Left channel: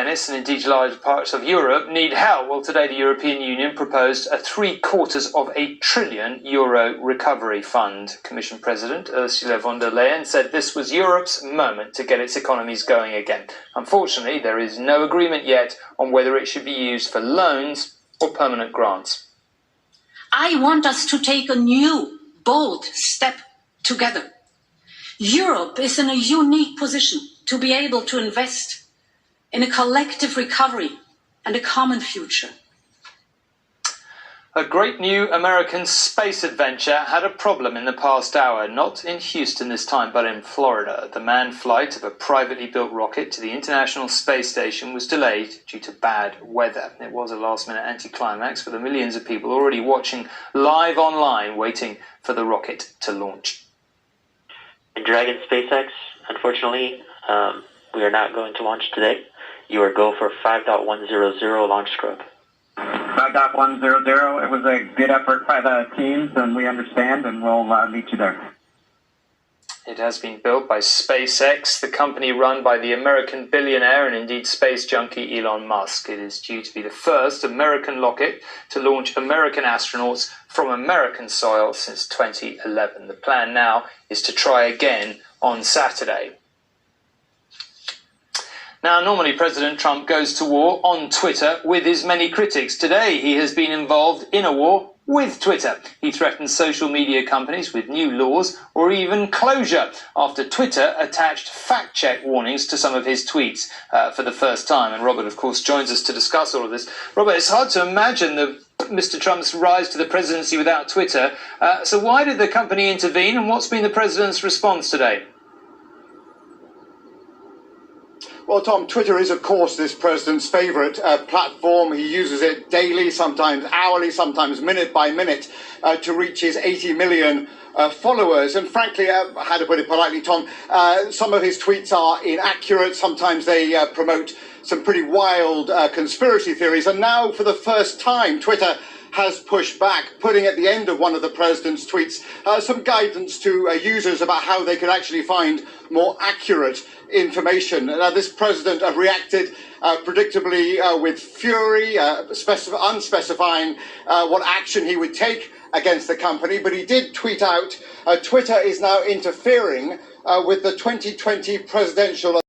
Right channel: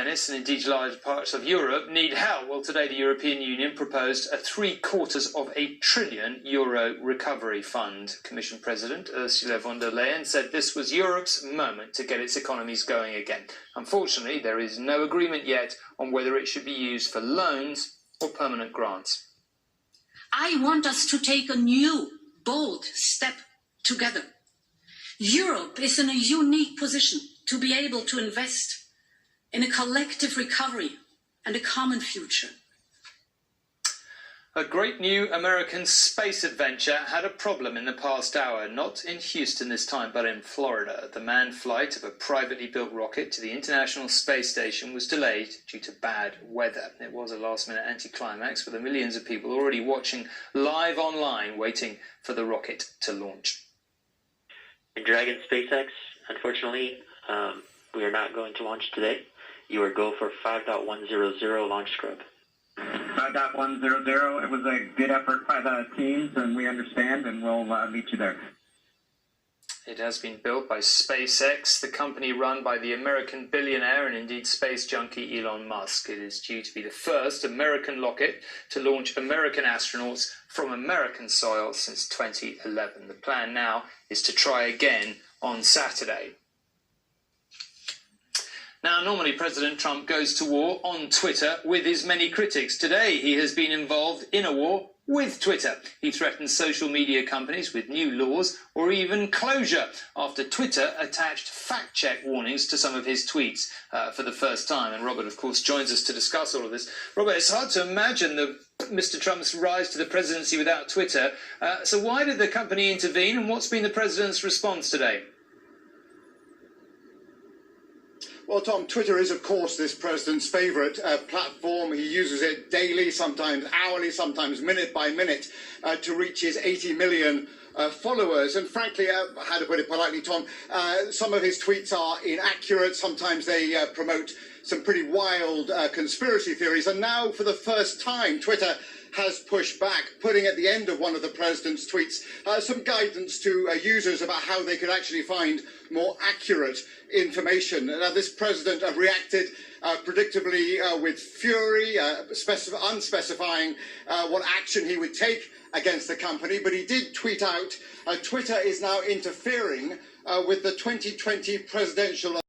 Venice and indeed large parts of Europe need help. Well, today the European Union proposed a €750 billion recovery fund. Commission President Ursula von der Leyen said this was Europe's moment to get its economies going again. Unfortunately, there is no agreement yet on whether it should be used for loans or permanent grants. I want us to take a new, bold step together. Europe is in a unique position to be able to invest in a collective recovery and a common future. A great new American space adventure had a problem in the past hour, not in Houston this time, but in Florida. The manned flight of a privately built rocket to the International Space Station was delayed due to bad weather. It was a last-minute anticlimax for the millions of people already watching live online, waiting for the rocket to launch. In Dragon SpaceX, unfortunately, we are not going to launch today. You are go for 5.100 launch scrub. 5.100, it was a good effort by the teams, and we understand, and we'll meet you there. It has been built by SpaceX, the company run by the American billionaire and indeed space junkie Elon Musk. It is due to be the first American rocket to launch American astronauts from American soil since 2011. The plan now is to try again on Saturday. Now, normally President Trump goes to war on Twitter with his many critics. Today, he has been involved in a war with Twitter. He threatens social media companies with new laws or even closure after Twitter attached fact-check warnings to some of his tweets for the first time. And Robert, of course, joins us to discuss all of this. Robert, it's hard to imagine Mr. Trump's rise to the presidency without Twitter. So why did the company intervene, and what's been the president's response today? Well, Tom, Twitter is, of course, this president's favourite platform. He uses it daily, sometimes hourly, sometimes minute by minute, to reach his 80 million followers. And frankly, how to put it politely, Tom, some of his tweets are inaccurate. Sometimes they promote some pretty wild conspiracy theories. And now, for the first time, Twitter has pushed back, putting at the end of one of the president's tweets some guidance to users about how they could actually find more accurate information. Now, this president reacted predictably with fury, unspecifying what action he would take against the company, but he did tweet out, Twitter is now interfering with the 2020 presidential